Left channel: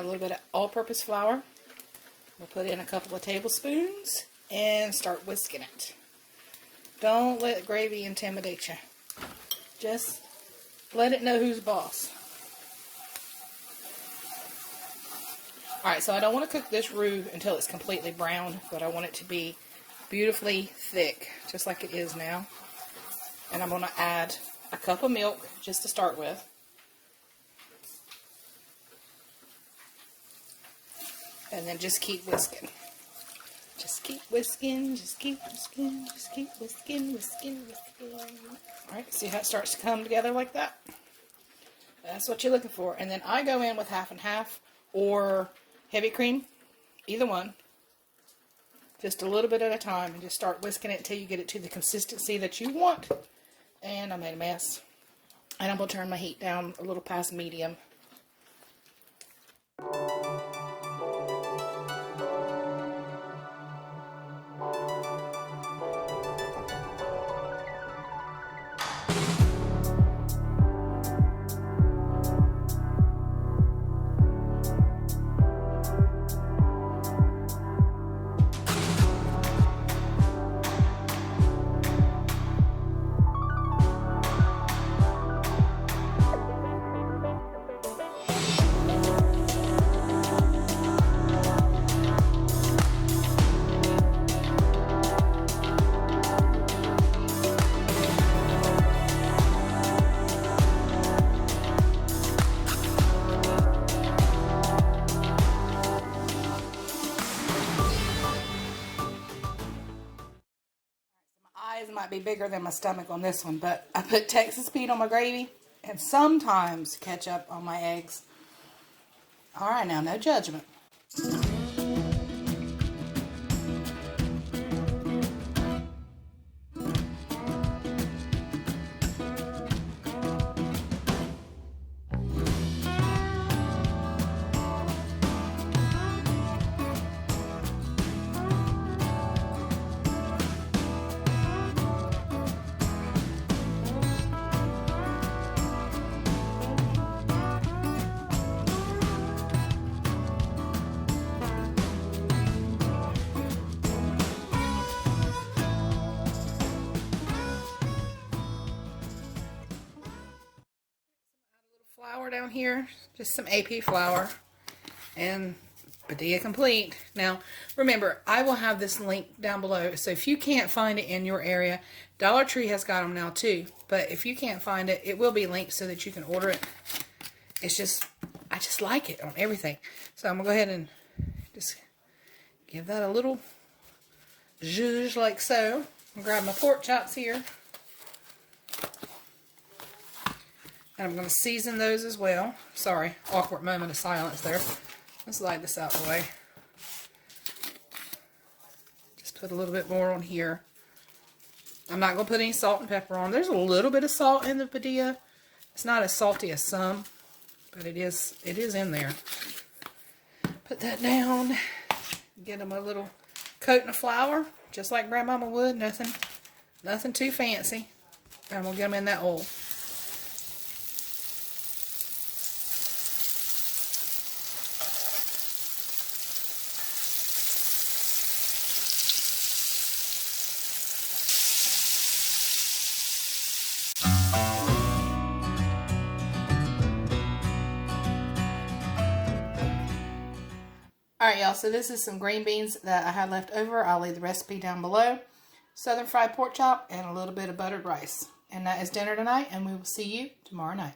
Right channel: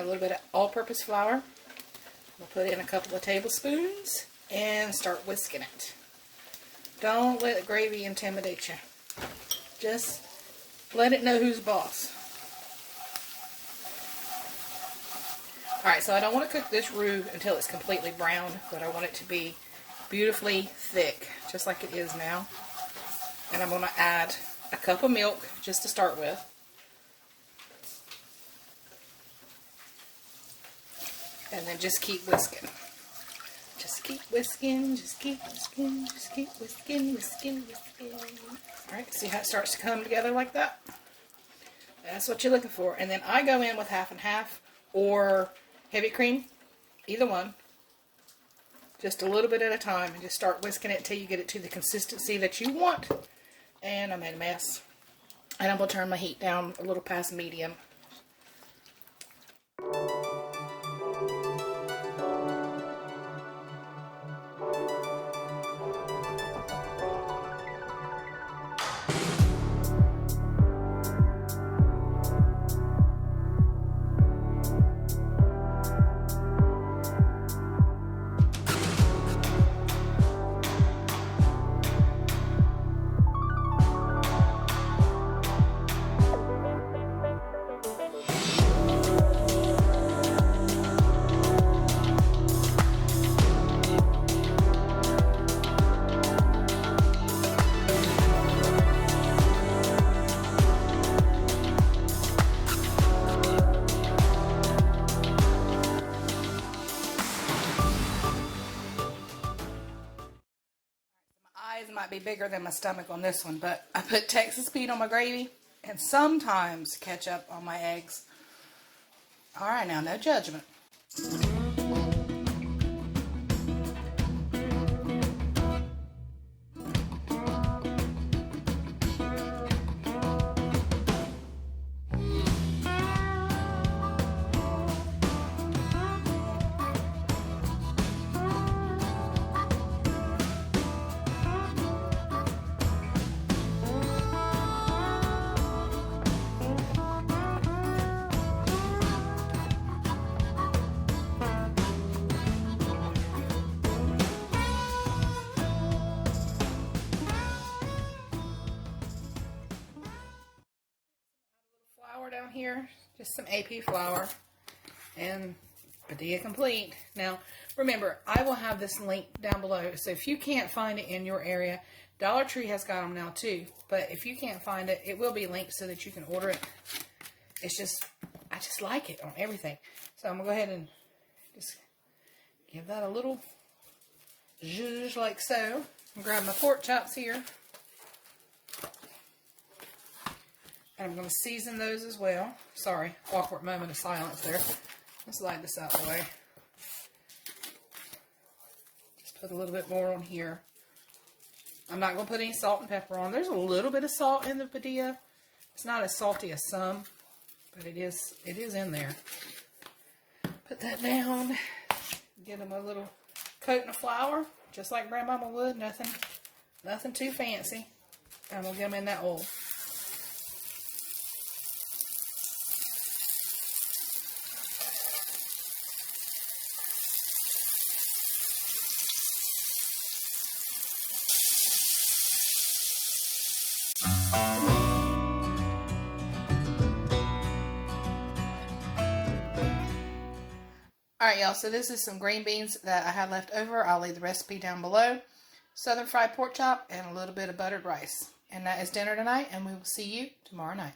got a little bit of all-purpose flour. We'll put in a couple of tablespoons and start whisking it. Don't let gravy intimidate you. Just let it know who's boss. Alright, so I don't want to cook this roux until it's completely brown, but I want it to be beautifully thick, just like it is now. And I'm going to add a cup of milk just to start with. And then just keep whisking. Just keep whisking, just keep whisking, just keep whisking, whisking, whisking. Alright, see how it starts to come together like that? That's what you're looking for. And then I go in with half and half or heavy cream, either one. Just a little bit at a time, and just start whisking it until you get it to the consistency that you want. And I made a mess. And I'm going to turn my heat down a little past medium. Might be bigger than my stomach on this one, but I put Texas Pete on my gravy and sometimes ketchup on my eggs. Alright, now no judgment. Flour down here, just some AP flour, and padilla complete. Now remember, I will have this link down below, so if you can't find it in your area, Dollar Tree has got them now too, but if you can't find it, it will be linked so that you can order it. It's just, I just like it on everything. So I'm gonna go ahead and just give that a little zhuzh like so. I'll grab my pork chops here. And I'm going to season those as well. Sorry, awkward moment of silence there. Let's light this out of the way. Just put a little bit more on here. I'm not going to put any salt and pepper on. There's a little bit of salt in the padilla. It's not as salty as some, but it is in there. Put that down. Get them a little coating of flour, just like Grandmama would. Nothing too fancy. And we'll get them in that oil. Alright y'all, so this is some green beans that I had left over. I'll leave the recipe down below. Southern fried pork chop and a little bit of buttered rice. And that is dinner tonight, and we will see you tomorrow night.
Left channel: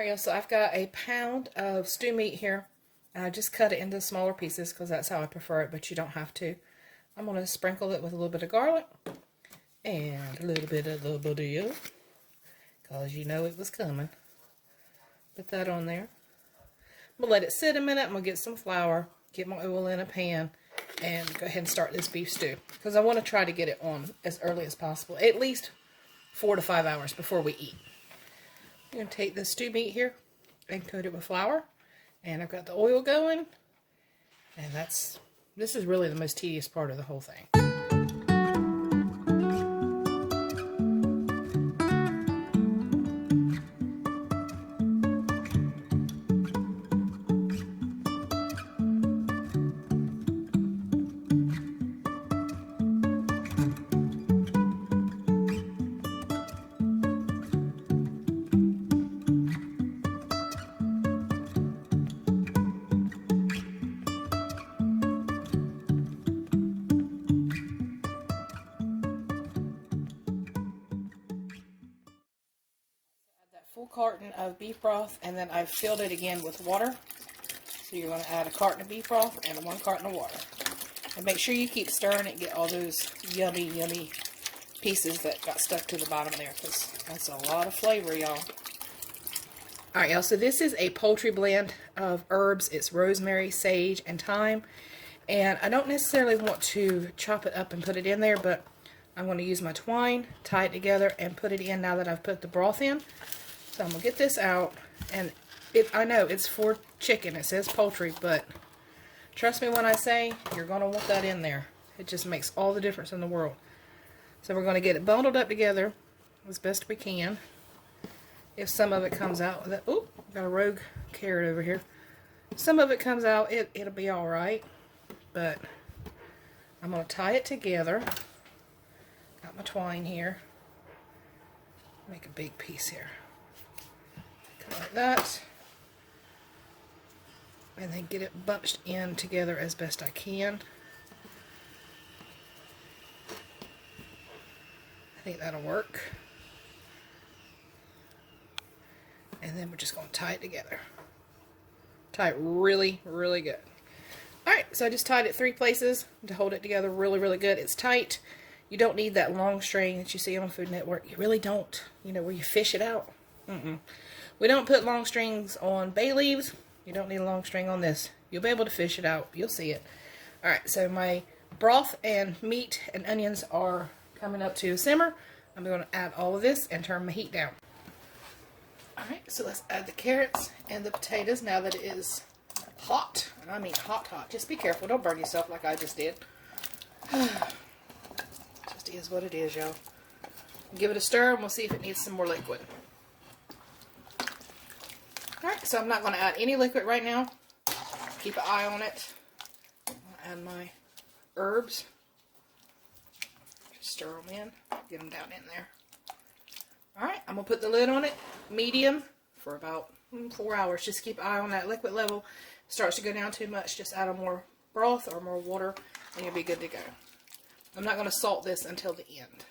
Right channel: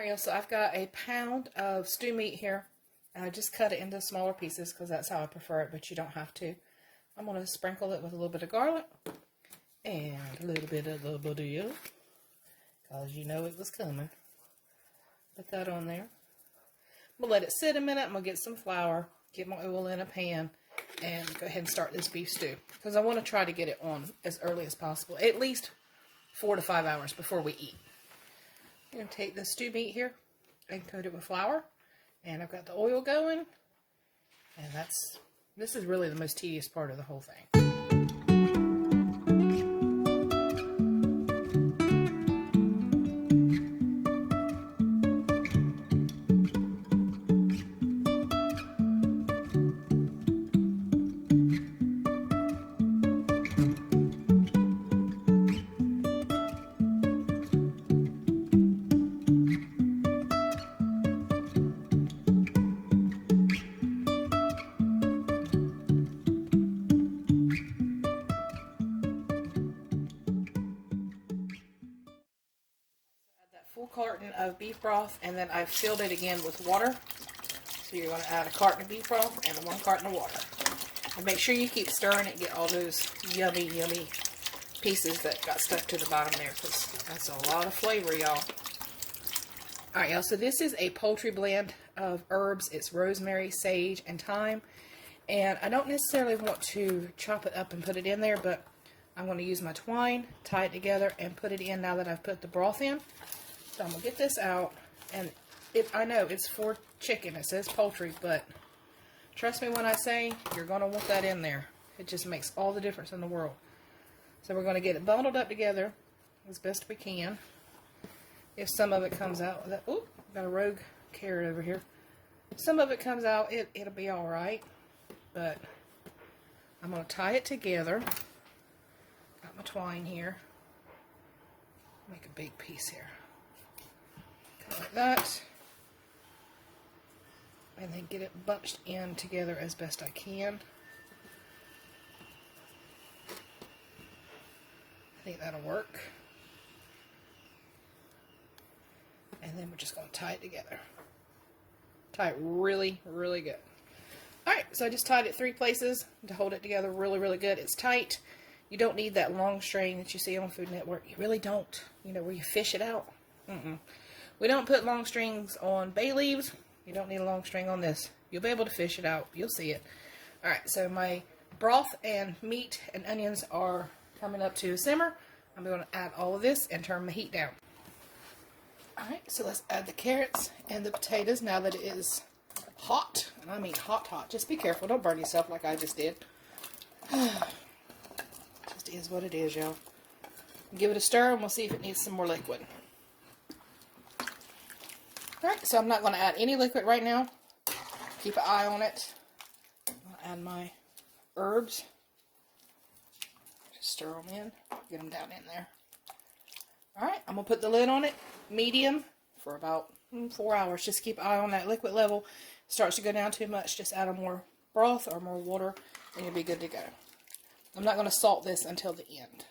Alright, so I've got a pound of stew meat here. And I just cut it into smaller pieces because that's how I prefer it, but you don't have to. I'm going to sprinkle it with a little bit of garlic and a little bit of the badia because you know it was coming. Put that on there. I'm going to let it sit a minute. I'm going to get some flour, get my oil in a pan, and go ahead and start this beef stew because I want to try to get it on as early as possible, at least 4 to 5 hours before we eat. I'm going to take the stew meat here and coat it with flour. And I've got the oil going, and this is really the most tedious part of the whole thing. Full carton of beef broth, and then I've filled it again with water. So you're going to add a carton of beef broth and 1 carton of water. And make sure you keep stirring it, get all those yummy, yummy pieces that got stuck to the bottom there, because that's a lot of flavor, y'all. Alright, y'all, so this is a poultry blend of herbs. It's rosemary, sage, and thyme. And I don't necessarily want to chop it up and put it in there, but I'm going to use my twine, tie it together, and put it in now that I've put the broth in. So I'm going to get this out, and I know it's for chicken, it says poultry, but trust me when I say you're going to want that in there. It just makes all the difference in the world. So we're going to get it bundled up together as best we can. If some of it comes out, oh, got a rogue carrot over here. If some of it comes out, it'll be alright, but I'm going to tie it together. Got my twine here. Make a big piece here. Like that, and then get it bunched in together as best I can. I think that'll work. And then we're just going to tie it together. Tie it really, really good. Alright, so I just tied it 3 places to hold it together really, really good. It's tight. You don't need that long string that you see on Food Network. You really don't. You know, where you fish it out. We don't put long strings on bay leaves. You don't need a long string on this. You'll be able to fish it out. You'll see it. Alright, so my broth and meat and onions are coming up to a simmer. I'm going to add all of this and turn my heat down. Alright, so let's add the carrots and the potatoes now that it is hot. And I mean hot, hot. Just be careful. Don't burn yourself like I just did. Just is what it is, y'all. Give it a stir and we'll see if it needs some more liquid. Alright, so I'm not going to add any liquid right now. Keep an eye on it. I'm going to add my herbs. Just stir them in. Get them down in there. Alright, I'm going to put the lid on it. Medium for about 4 hours. Just keep an eye on that liquid level. If it starts to go down too much, just add more broth or more water and you'll be good to go. I'm not going to salt this until the end.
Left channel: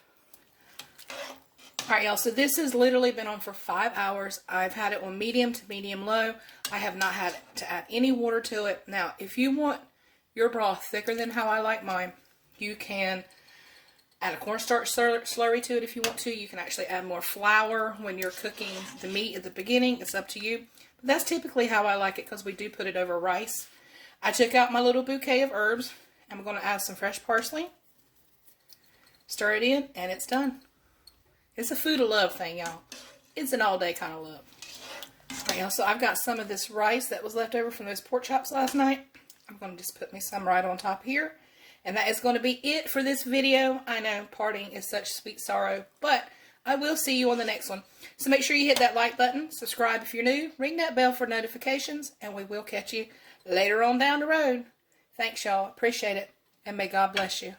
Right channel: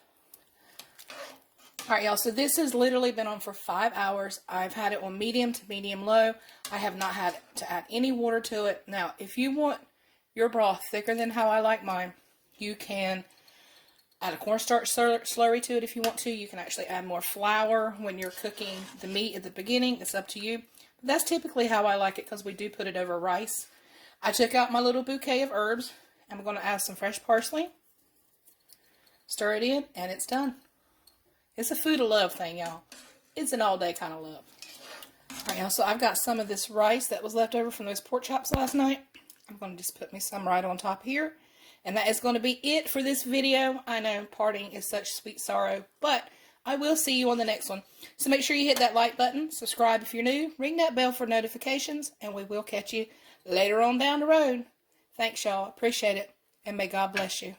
Alright, y'all, so this has literally been on for 5 hours. I've had it on medium to medium low. I have not had to add any water to it. Now, if you want your broth thicker than how I like mine, you can add a cornstarch slurry to it if you want to. You can actually add more flour when you're cooking the meat at the beginning. It's up to you. But that's typically how I like it because we do put it over rice. I took out my little bouquet of herbs. I'm going to add some fresh parsley. Stir it in, and it's done. It's a food of love thing, y'all. It's an all-day kind of love. Alright, y'all, so I've got some of this rice that was left over from those pork chops last night. I'm going to just put me some right on top here. And that is going to be it for this video. I know parting is such sweet sorrow, but I will see you on the next one. So make sure you hit that like button, subscribe if you're new, ring that bell for notifications, and we will catch you later on down the road. Thanks, y'all. Appreciate it, and may God bless you.